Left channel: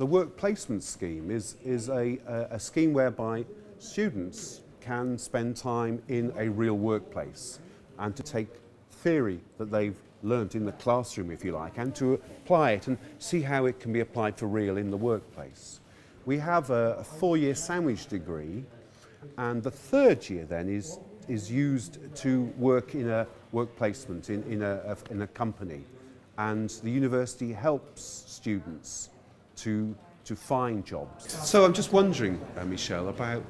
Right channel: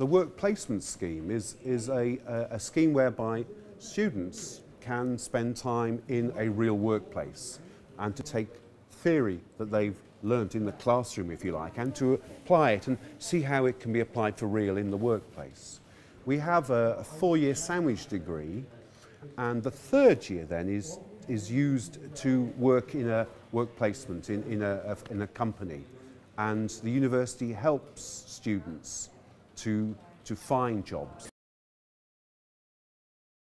The work placement scheme is a scheme whereby students can spend time in a real workplace and to take theory that they've learnt in the classroom, if you like, and to apply it and see how it can be applied for real in the workplace. We have a 4-year sandwich degree, and the 3rd year then is used to work in a work placement in a company, and the university helps students to find jobs. So I'm just wondering, Michelle, about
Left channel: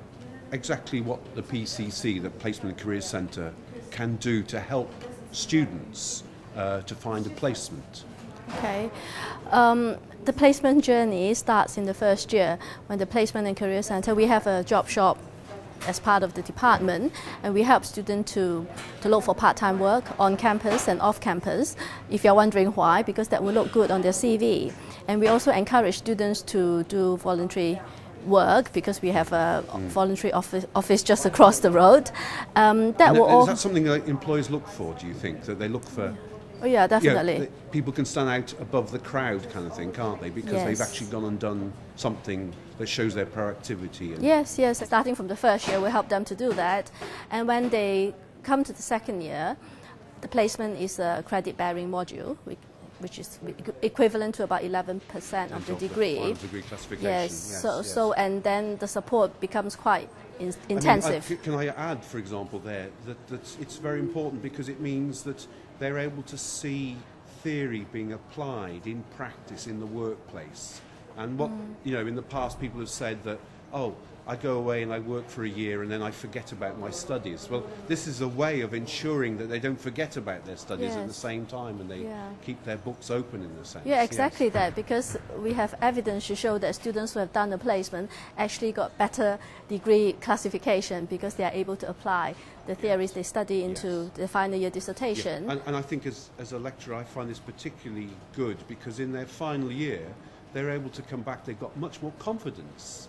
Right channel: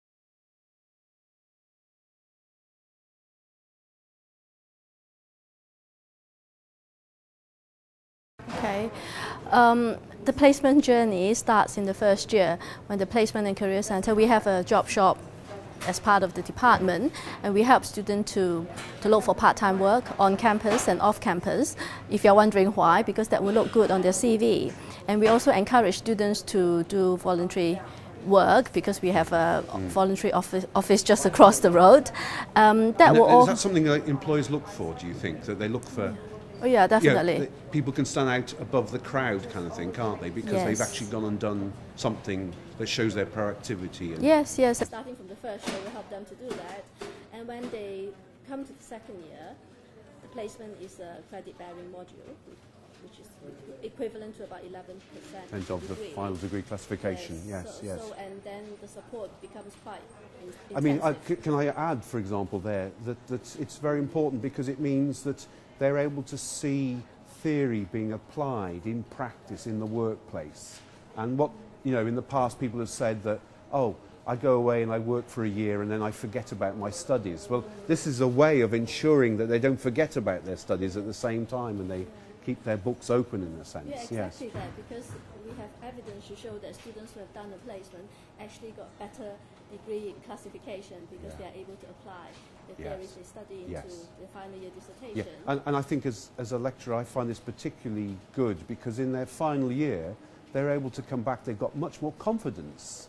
exactly what the PCC, the Placement and Career Centre, can do to help students to find a placement. Okay, the placement journey starts in the 1st year when the Placement and Career Centre, we have a job shop as part of the department, and we help students to look for part-time work on campus and off campus. If you're wondering why, because that will look good on their CV. And we also encourage students to do voluntary work because we have a voluntary office just across the road. Is that something that employers look for, do you think, that they look for? Oh yeah, definitely. You know, people can stand out above the crowd kind of thing, can't they? Because they've actually gone and done something that shows their proactivity. And yes. Starting from the 1st year, we help them to do that. And when they come to the 2nd year, the placement is a credit-bearing module, which is equivalent to about 11% of the degree. Final degree classification. Yes. So and then the support becomes quite intensive. I mean, can I add, for example, there that it's very important because it means that they're able to see theory being applied in practice in the workplace. And what, you know, in the past people have said that, oh, I go away and I work for a year and then I forget about my studies. Well, this is a way of ensuring that they don't forget about their studies at the same time and they keep their books open in a sense. Yeah, exactly that, because we have evidence to show that students who have done a placement actually got better degree classification because they are able to apply the theories they study into the final year dissertation. Yeah. And I think as a lecturer I find this particularly good because in their final year they're able to come back, they've got much more confidence.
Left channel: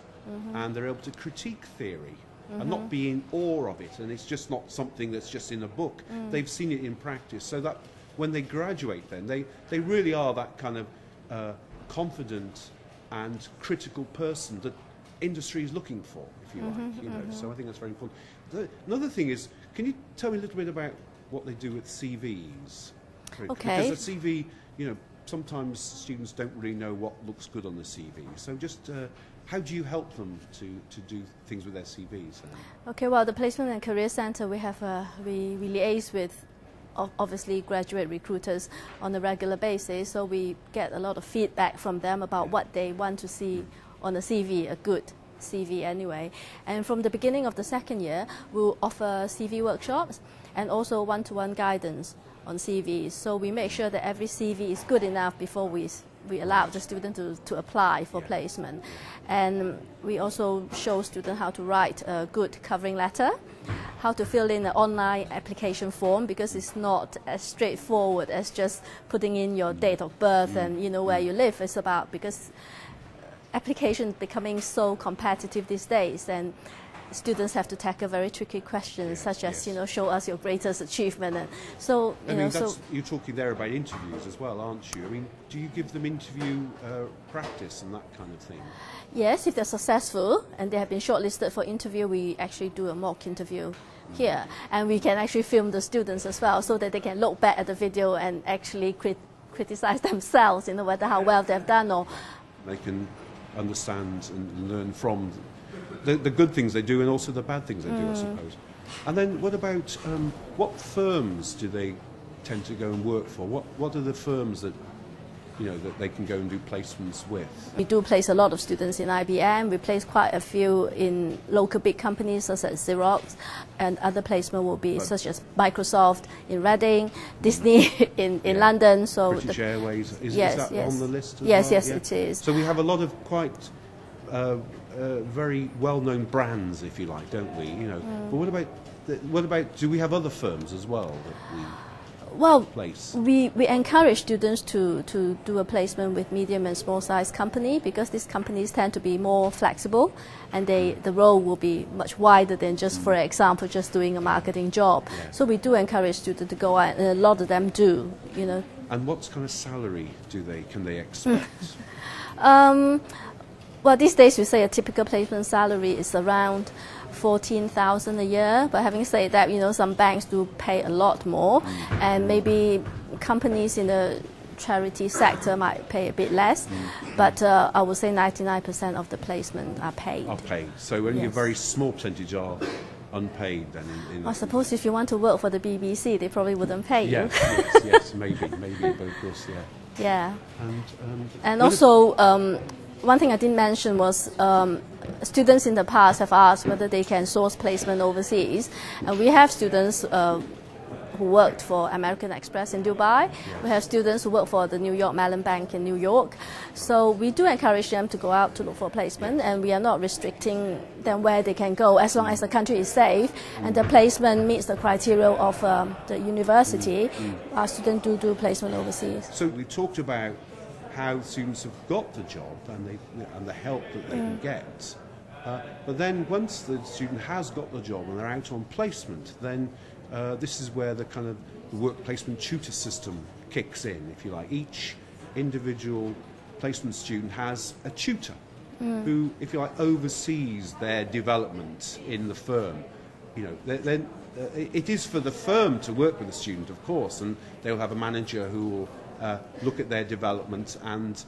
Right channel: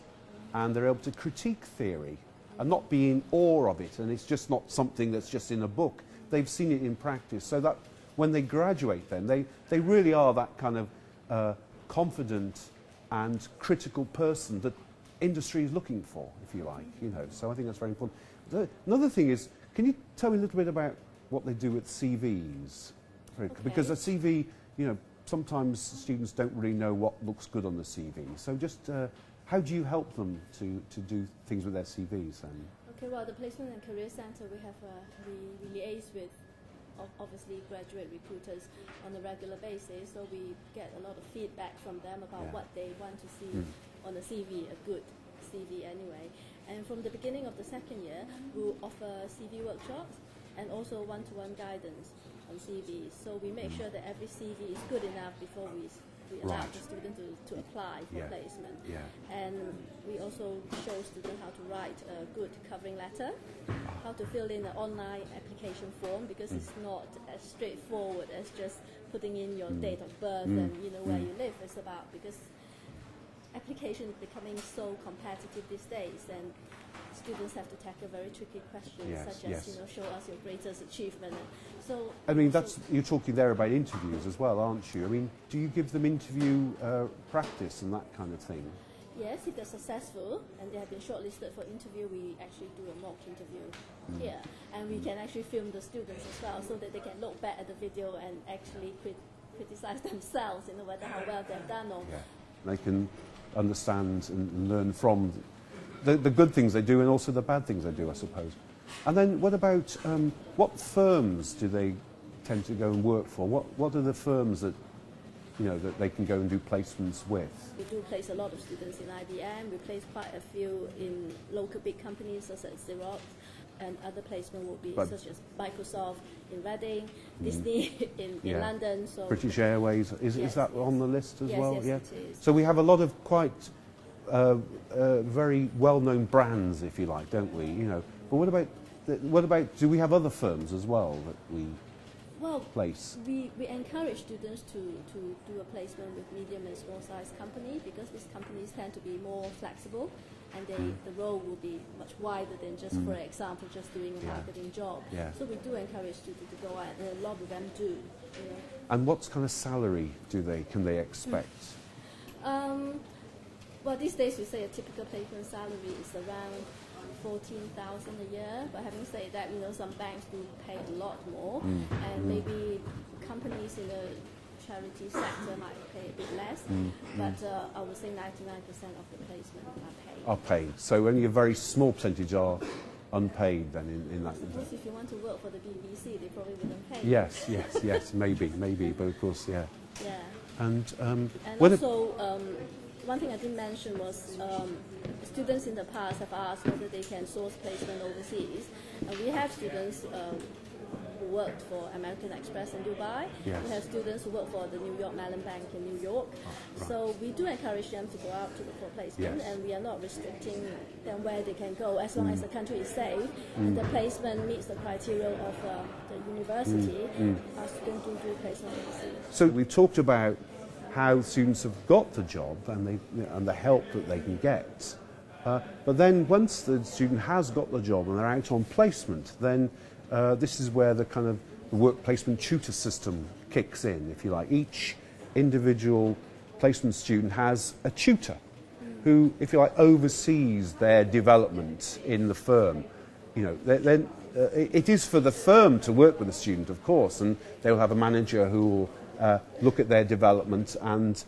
And they're able to critique theory and not be in awe of it, and it's just not something that's just in a book. They've seen it in practice, so that when they graduate then, they really are that kind of confident and critical person that industry is looking for, if you like. You know, so I think that's very important. Another thing is, can you tell me a little bit about what they do with CVs? Okay. Because a CV, you know, sometimes students don't really know what looks good on the CV, so just how do you help them to do things with their CVs then? Okay, well, the Placement and Career Centre, we liaise with obviously graduate recruiters on a regular basis, so we get a lot of feedback from them about what they want to see on a CV, a good CV anyway. And from the beginning of the 2nd year, we'll offer CV workshops and also one-to-one guidance on CVs. So we make sure that every CV is good enough before we allow the student to apply for placement. And we also show students how to write a good covering letter, how to fill in an online application form, because it's not as straightforward as just putting in your date of birth and where you live. It's about, because application is becoming so competitive these days, and students have to tackle very tricky questions, such as show us your greatest achievement. And so you're talking there about interviews as well, aren't you? I mean, do you give them interview practice and that kind of thing? Yes, if they're successful and they have been shortlisted for interview, we actually do a mock interview here, and we can actually film the students as well, so that they can look back at the video and actually criticize themselves, whether how well they've done, or they can understand and learn from the good things they do and also the bad things they do, I suppose. And then what about what firms do they tend to go and work for? What are the firms that that they can go and do placements with? We do place a lot of students in IBM. We place quite a few in local big companies such as Xerox, and other placement will be such as Microsoft in Reading, Disney in London. So British Airways, is that on the list as yes, well? Yes, it is. So we have a lot of quite very well-known brands, if you like, don't we? But what about? Do we have other firms as well that place? We encourage students to do a placement with medium and small size company, because these companies tend to be more flexible, and the role will be much wider than just, for example, just doing a marketing job. So we do encourage students to go out, and a lot of them do. And what kind of salary can they expect? Well, these days we say a typical placement salary is around 14,000 a year. But having said that, you know, some banks do pay a lot more, and maybe companies in the charity sector might pay a bit less. But I would say 99% of the placement are paid. Are paid. So only a very small percentage are unpaid then? I suppose if you want to work for the BBC, they probably wouldn't pay you. Yes, maybe, but of course, yeah. Yeah. And also, one thing I didn't mention was students in the past have asked whether they can source placement overseas. And we have students who worked for American Express in Dubai. We have students who work for the New York Mellon Bank in New York. So we do encourage them to go out to look for placement, and we are not restricting them where they can go as long as the country is safe and the placement meets the criteria of the university. Our students do placement overseas. So we talked about how students have got the job and the help that they can get. But then once the student has got the job and they're out on placement, then this is where the kind of work placement tutor system kicks in, if you like. Each individual placement student has a tutor who, if you like, oversees their development in the firm. You know, then it is for the firm to work with the student, of course, and they'll have a manager who will look at their development, and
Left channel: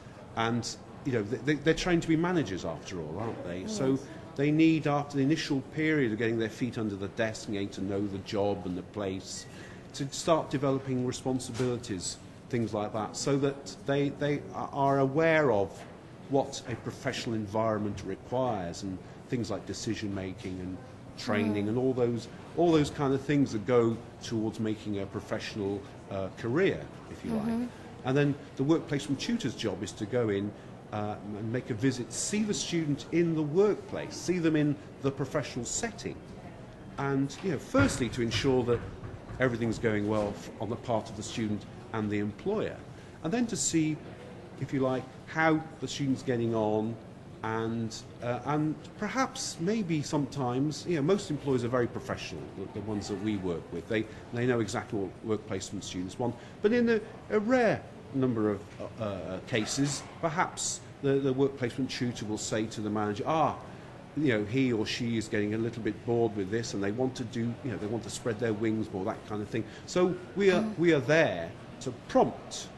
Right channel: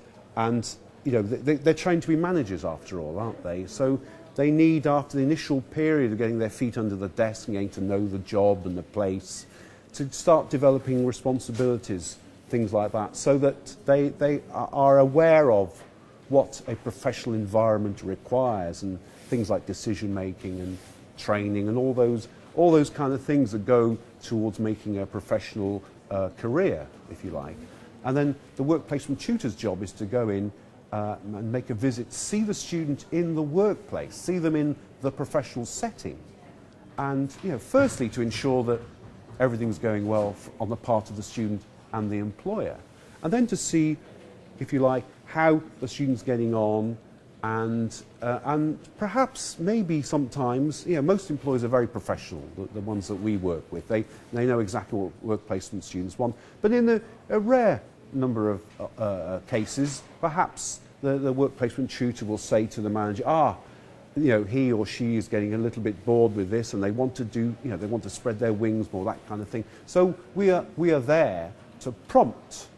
you know, they're trained to be managers after all, aren't they? So they need, after the initial period of getting their feet under the desk and getting to know the job and the place, to start developing responsibilities, things like that, so that they are aware of what a professional environment requires, and things like decision making and training and all those kind of things that go towards making a professional career, if you like. And then the work placement tutor's job is to go in and make a visit, see the student in the workplace, see them in the professional setting, and, you know, firstly to ensure that everything's going well on the part of the student and the employer, and then to see, if you like, how the student's getting on, and perhaps maybe sometimes, you know, most employers are very professional, the ones that we work with. They know exactly what work placement students want, but in a rare number of cases, perhaps the work placement tutor will say to the manager, you know, he or she is getting a little bit bored with this, and they want to do, you know, they want to spread their wings more, that kind of thing. So we are there to prompt,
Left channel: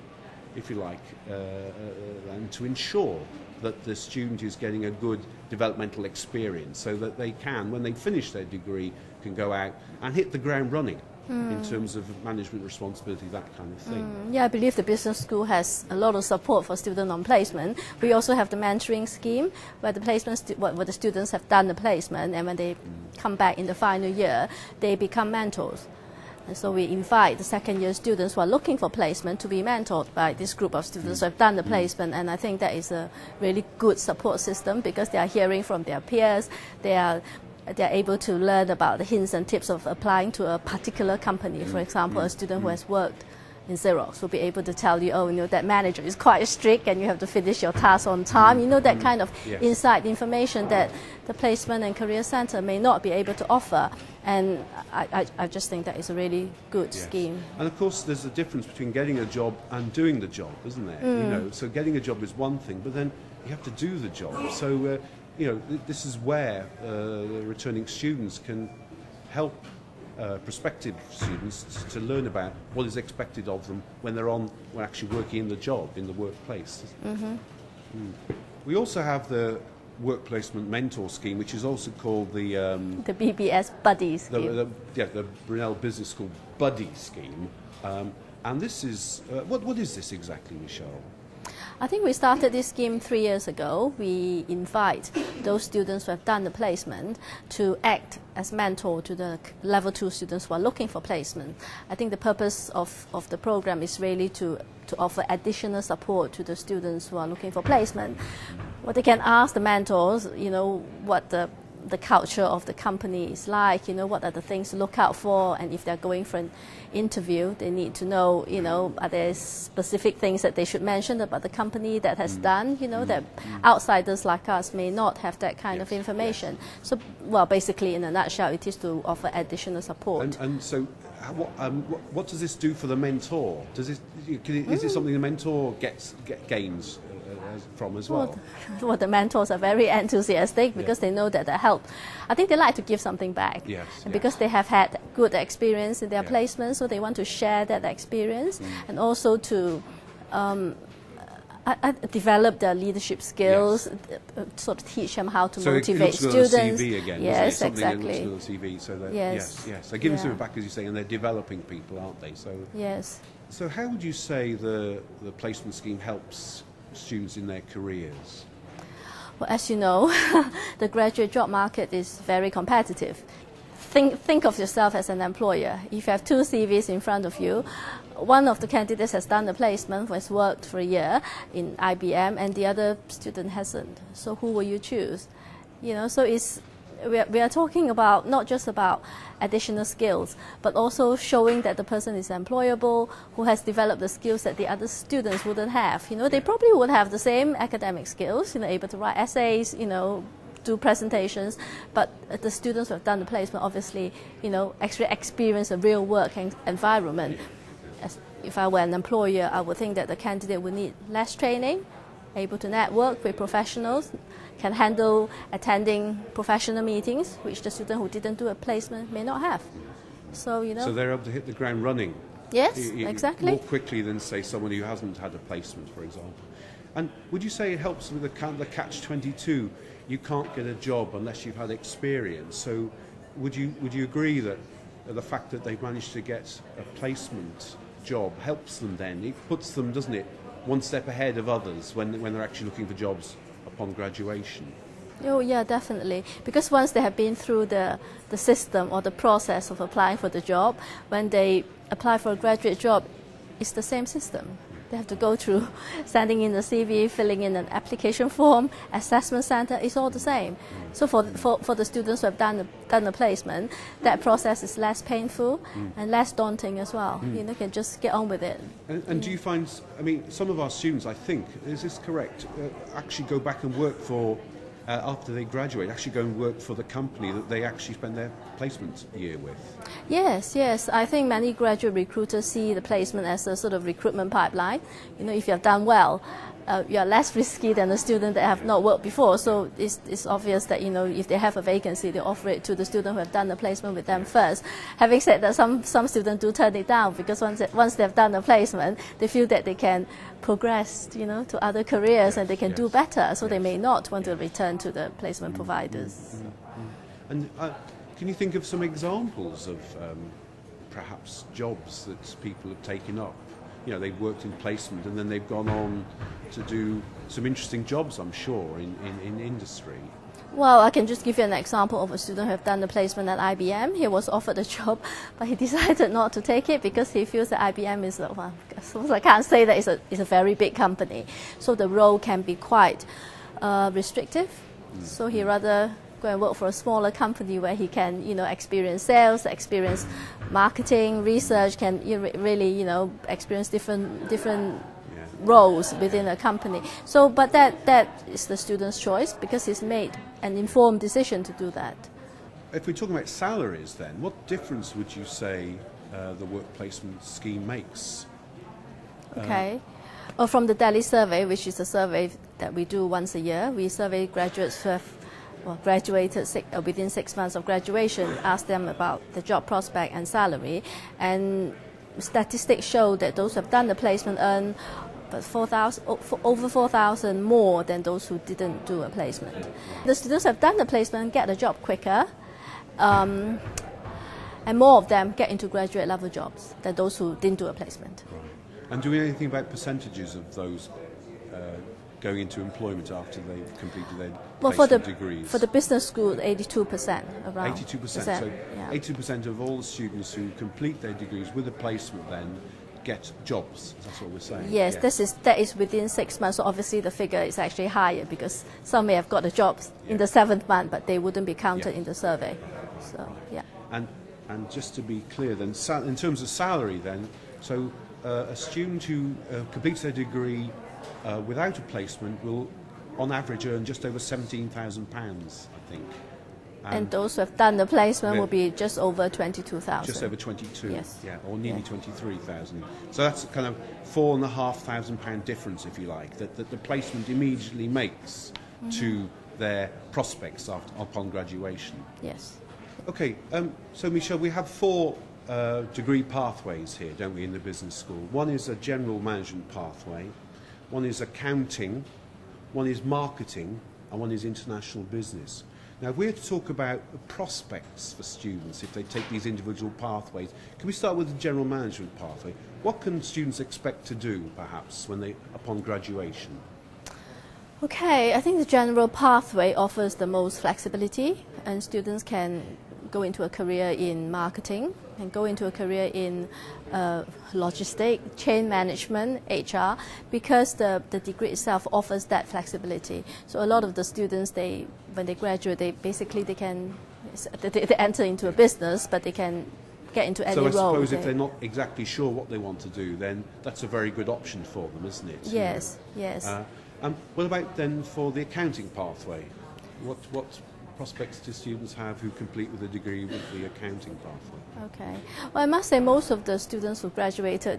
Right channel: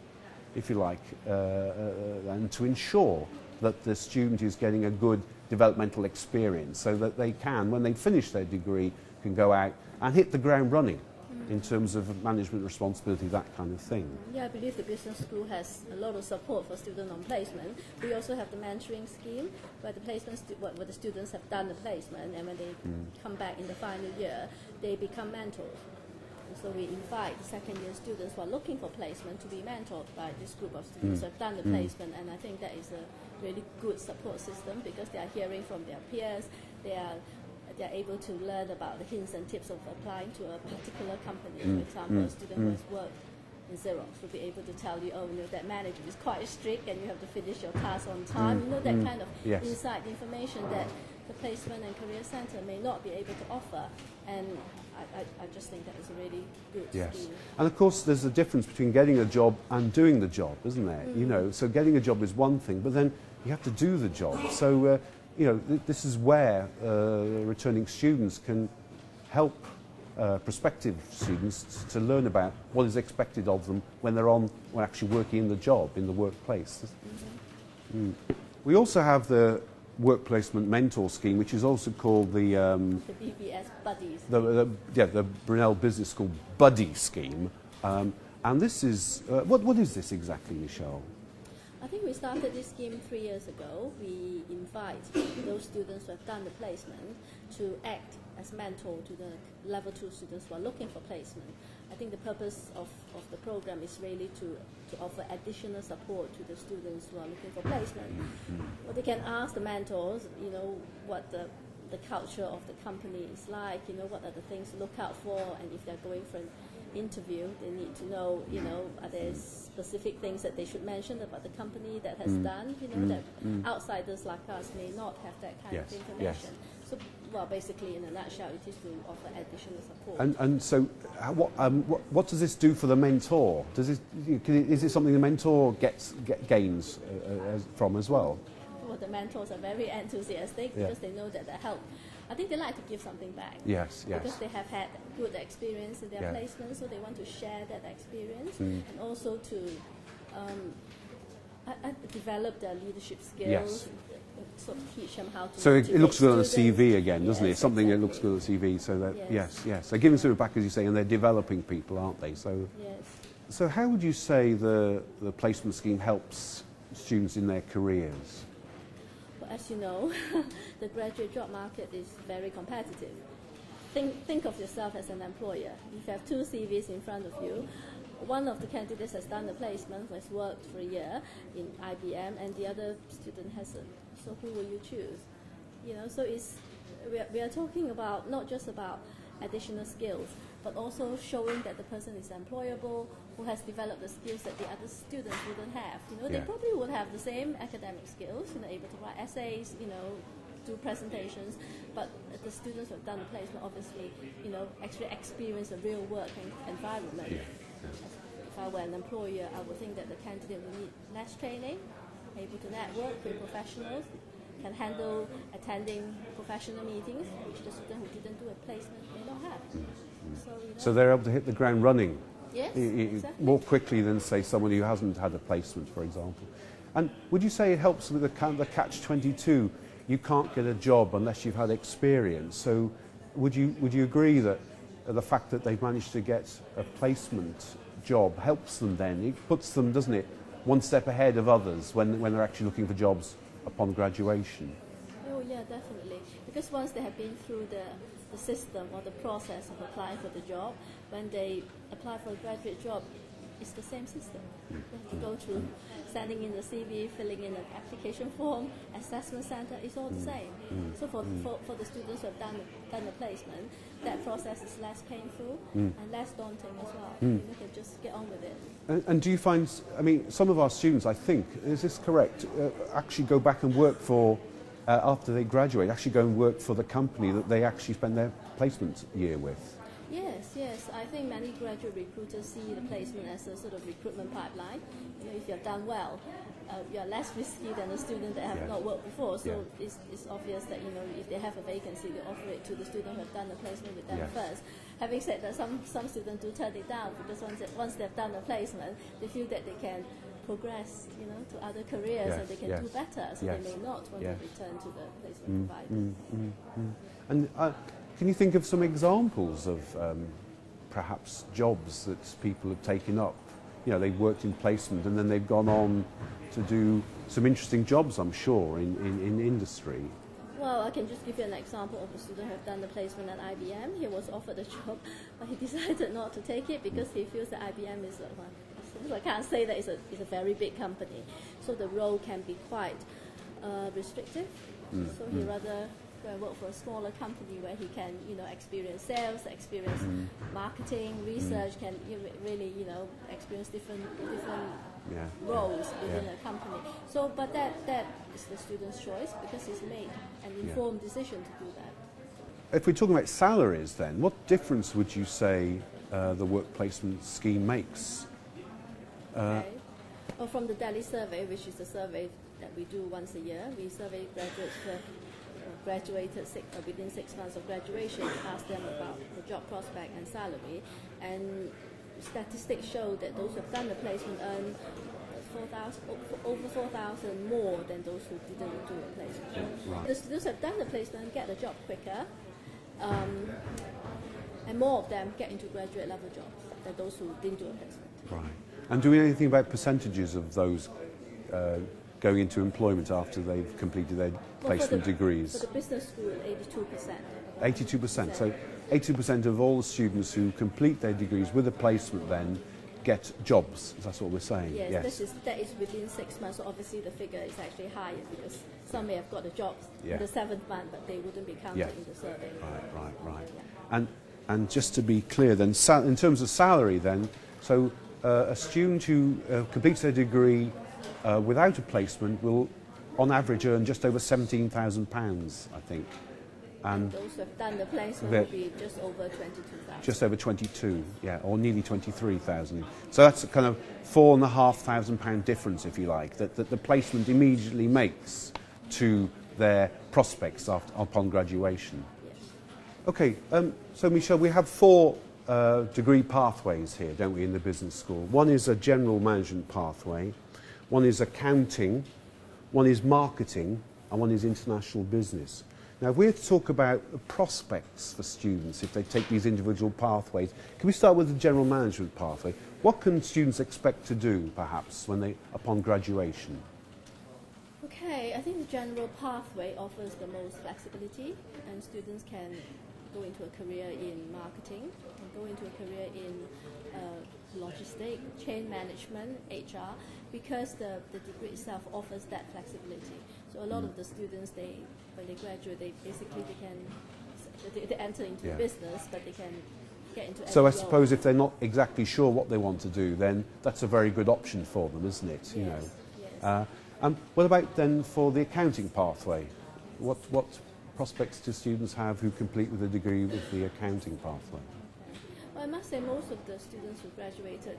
if you like, and to ensure that the student is getting a good developmental experience, so that they can, when they finish their degree, can go out and hit the ground running in terms of management responsibility, that kind of thing. Yeah, I believe the business school has a lot of support for student on placement. We also have the mentoring scheme where the where the students have done the placement, and when they come back in the final year, they become mentors. And so we invite the second year students who are looking for placement to be mentored by this group of students who have done the placement, and I think that is a really good support system, because they are hearing from their peers, they're able to learn about the hints and tips of applying to a particular company. For example, a student who has worked in Xerox will be able to tell you, oh, you know, that manager is quite strict and you have to finish your task on time. You know, that kind of inside information that the placement and career center may not be able to offer. And I just think that is a really good scheme. And of course, there's a difference between getting a job and doing the job, isn't there? You know, so getting a job is one thing, but then you have to do the job. So, you know, this is where the returning students can help prospective students to learn about what is expected of them when they're actually working in the job, in the workplace. We also have the work placement mentor scheme, which is also called the BBS Buddy scheme. The Brunel Business School Buddy scheme. And this is, what is this exactly, Michelle? I think we started this scheme 3 years ago. We invite those students who have done the placement to act as mentor to the level 2 students who are looking for placement. I think the purpose of the program is really to offer additional support to the students who are looking for placement. What they can ask the mentors, you know, what the culture of the company is like, you know, what are the things to look out for, and if they're going for an interview, they need to know, you know, are there specific things that they should mention about the company that has done, you know, that outsiders like us may not have that kind of information. So, well, basically, in a nutshell, it is to offer additional support. And so, what does this do for the mentor? Is it something the mentor gains from as well. Well, the mentors are very enthusiastic because they know that they help. I think they like to give something back. Yes, and because they have had good experience in their placement, so they want to share that experience and also to develop their leadership skills, sort of teach them how to motivate students. So it looks good on the CV again, doesn't it? Something exactly. That looks good on the CV. So that, yes. They're giving something back, as you say, and they're developing people, aren't they? So yes. So how would you say the placement scheme helps students in their careers? Well, as you know, the graduate job market is very competitive. Think of yourself as an employer. If you have two CVs in front of you, one of the candidates has done the placement, has worked for a year in IBM, and the other student hasn't. So who will you choose? You know, so we are talking about not just about additional skills, but also showing that the person is employable, who has developed the skills that the other students wouldn't have. You know, they probably would have the same academic skills, you know, able to write essays, you know, do presentations, but the students who have done the placement obviously, you know, actually experience a real work environment. If I were an employer, I would think that the candidate would need less training, able to network with professionals, can handle attending professional meetings, which the student who didn't do a placement may not have. So, you know. So they're able to hit the ground running. Yes, exactly. More quickly than, say, someone who hasn't had a placement, for example. And would you say it helps with the catch-22? You can't get a job unless you've had experience. So would you agree that the fact that they've managed to get a placement job helps them then? It puts them, doesn't it, one step ahead of others when they're actually looking for jobs upon graduation? Oh yeah, definitely. Because once they have been through the system or the process of applying for the job, when they apply for a graduate job, it's the same system. They have to go through sending in the CV, filling in an application form, assessment center, it's all the same. So for the students who have done the placement, that process is less painful and less daunting as well. You know, can just get on with it. And do you find, I mean, some of our students, I think, is this correct, actually go back and work for, after they graduate, actually go and work for the company that they actually spent their placement year with? Yes, yes. I think many graduate recruiters see the placement as a sort of recruitment pipeline. You know, if you have done well, you are less risky than the student that have not worked before. So it's obvious that, you know, if they have a vacancy, they offer it to the student who have done the placement with them first. Having said that, some students do turn it down because once they've done the placement, they feel that they can progress, you know, to other careers and they can do better. So they may not want to return to the placement providers. And can you think of some examples of perhaps jobs that people have taken up? You know, they've worked in placement and then they've gone on to do some interesting jobs, I'm sure, in industry. Well, I can just give you an example of a student who have done the placement at IBM. He was offered a job, but he decided not to take it because he feels that IBM is, well, I can't say that it's a very big company. So the role can be quite restrictive. So he rather go and work for a smaller company where he can, you know, experience sales, experience marketing, research, can really, you know, experience different roles within a company. So, but that is the student's choice because he's made an informed decision to do that. If we're talking about salaries then, what difference would you say the work placement scheme makes? Okay. Well, from the Delhi survey, which is a survey that we do once a year, we survey graduates who have graduated within 6 months of graduation, ask them about the job prospect and salary, and statistics show that those who have done the placement earn over 4,000 more than those who didn't do a placement. The students who have done the placement get a job quicker, and more of them get into graduate level jobs than those who didn't do a placement. Right. And do we know anything about percentages of those going into employment after they've completed their placement degrees? For the business school, 82%. Around 82%. So 82% of all the students who complete their degrees with a placement then get jobs. That's what we're saying. Yes, that is within 6 months. So obviously the figure is actually higher because some may have got a job in the 7th month, but they wouldn't be counted in the survey. And just to be clear then, in terms of salary then, so a student who completes their degree without a placement will on average earn just over £17,000, I think. And those who have done the placement Yeah. will be just over 22,000. Just over 22, Yes. yeah, or nearly 23,000. So that's kind of £4,500 difference, if you like, that the placement immediately makes to their prospects upon graduation. Yes. Okay, so Michelle, we have four degree pathways here, don't we, in the business school? One is a general management pathway, one is accounting, one is marketing, and one is international business. Now, if we're to talk about prospects for students, if they take these individual pathways, can we start with the general management pathway? What can students expect to do, perhaps, upon graduation? Okay, I think the general pathway offers the most flexibility, and students can go into a career in marketing and go into a career in logistics, chain management, HR, because the degree itself offers that flexibility. So a lot of the students, when they graduate, they can enter into a business, but they can get into any role. So I suppose if they're not exactly sure what they want to do, then that's a very good option for them, isn't it? Yes, yes. What about then for the accounting pathway? What prospects do students have who complete with a degree with the accounting pathway? Okay. Well, I must say most of the students who graduated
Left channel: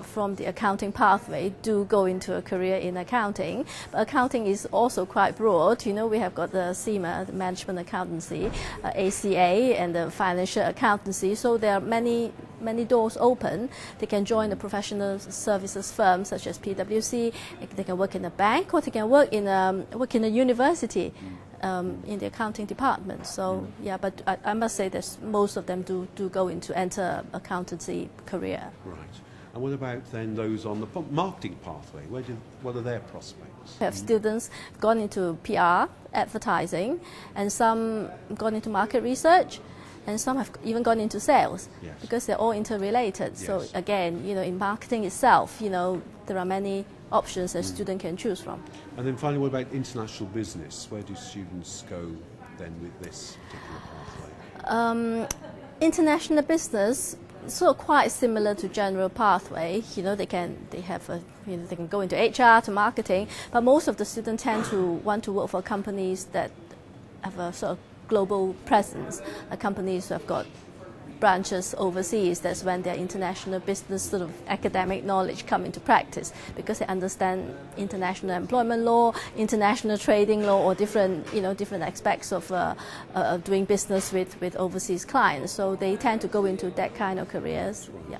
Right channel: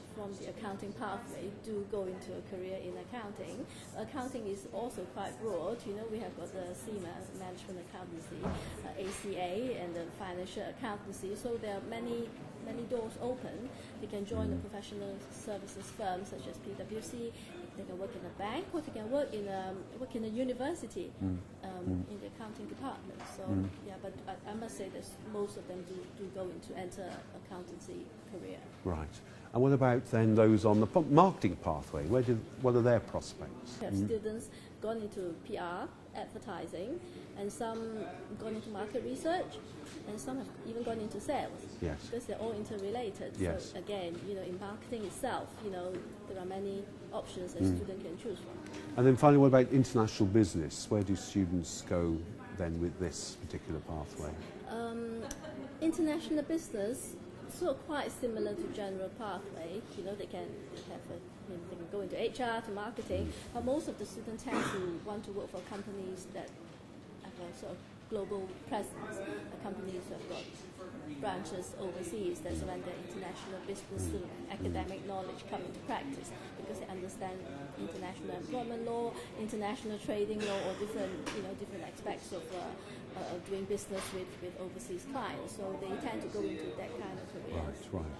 from the accounting pathway do go into a career in accounting. But accounting is also quite broad. You know, we have got the CIMA, the management accountancy, ACA, and the financial accountancy. So there are many doors open. They can join the professional services firms such as PwC. They can work in a bank, or they can work in a university. In the accounting department. So yeah, but I must say that most of them do enter accountancy career. Right. And what about then those on the marketing pathway? What are their prospects? We have students gone into PR, advertising, and some gone into market research, and some have even gone into sales. Yes. Because they're all interrelated. Yes. So again, you know, in marketing itself, you know, there are many options a student can choose from. And then finally, what about international business? Where do students go then with this particular pathway? International business, so quite similar to general pathway. You know, they can go into HR, to marketing, but most of the students tend to want to work for companies that have a sort of global presence, companies who have got branches overseas. That's when their international business sort of academic knowledge come into practice, because they understand international employment law, international trading law, or different aspects of doing business with overseas clients. So they tend to go into that kind of careers. Right. Yeah.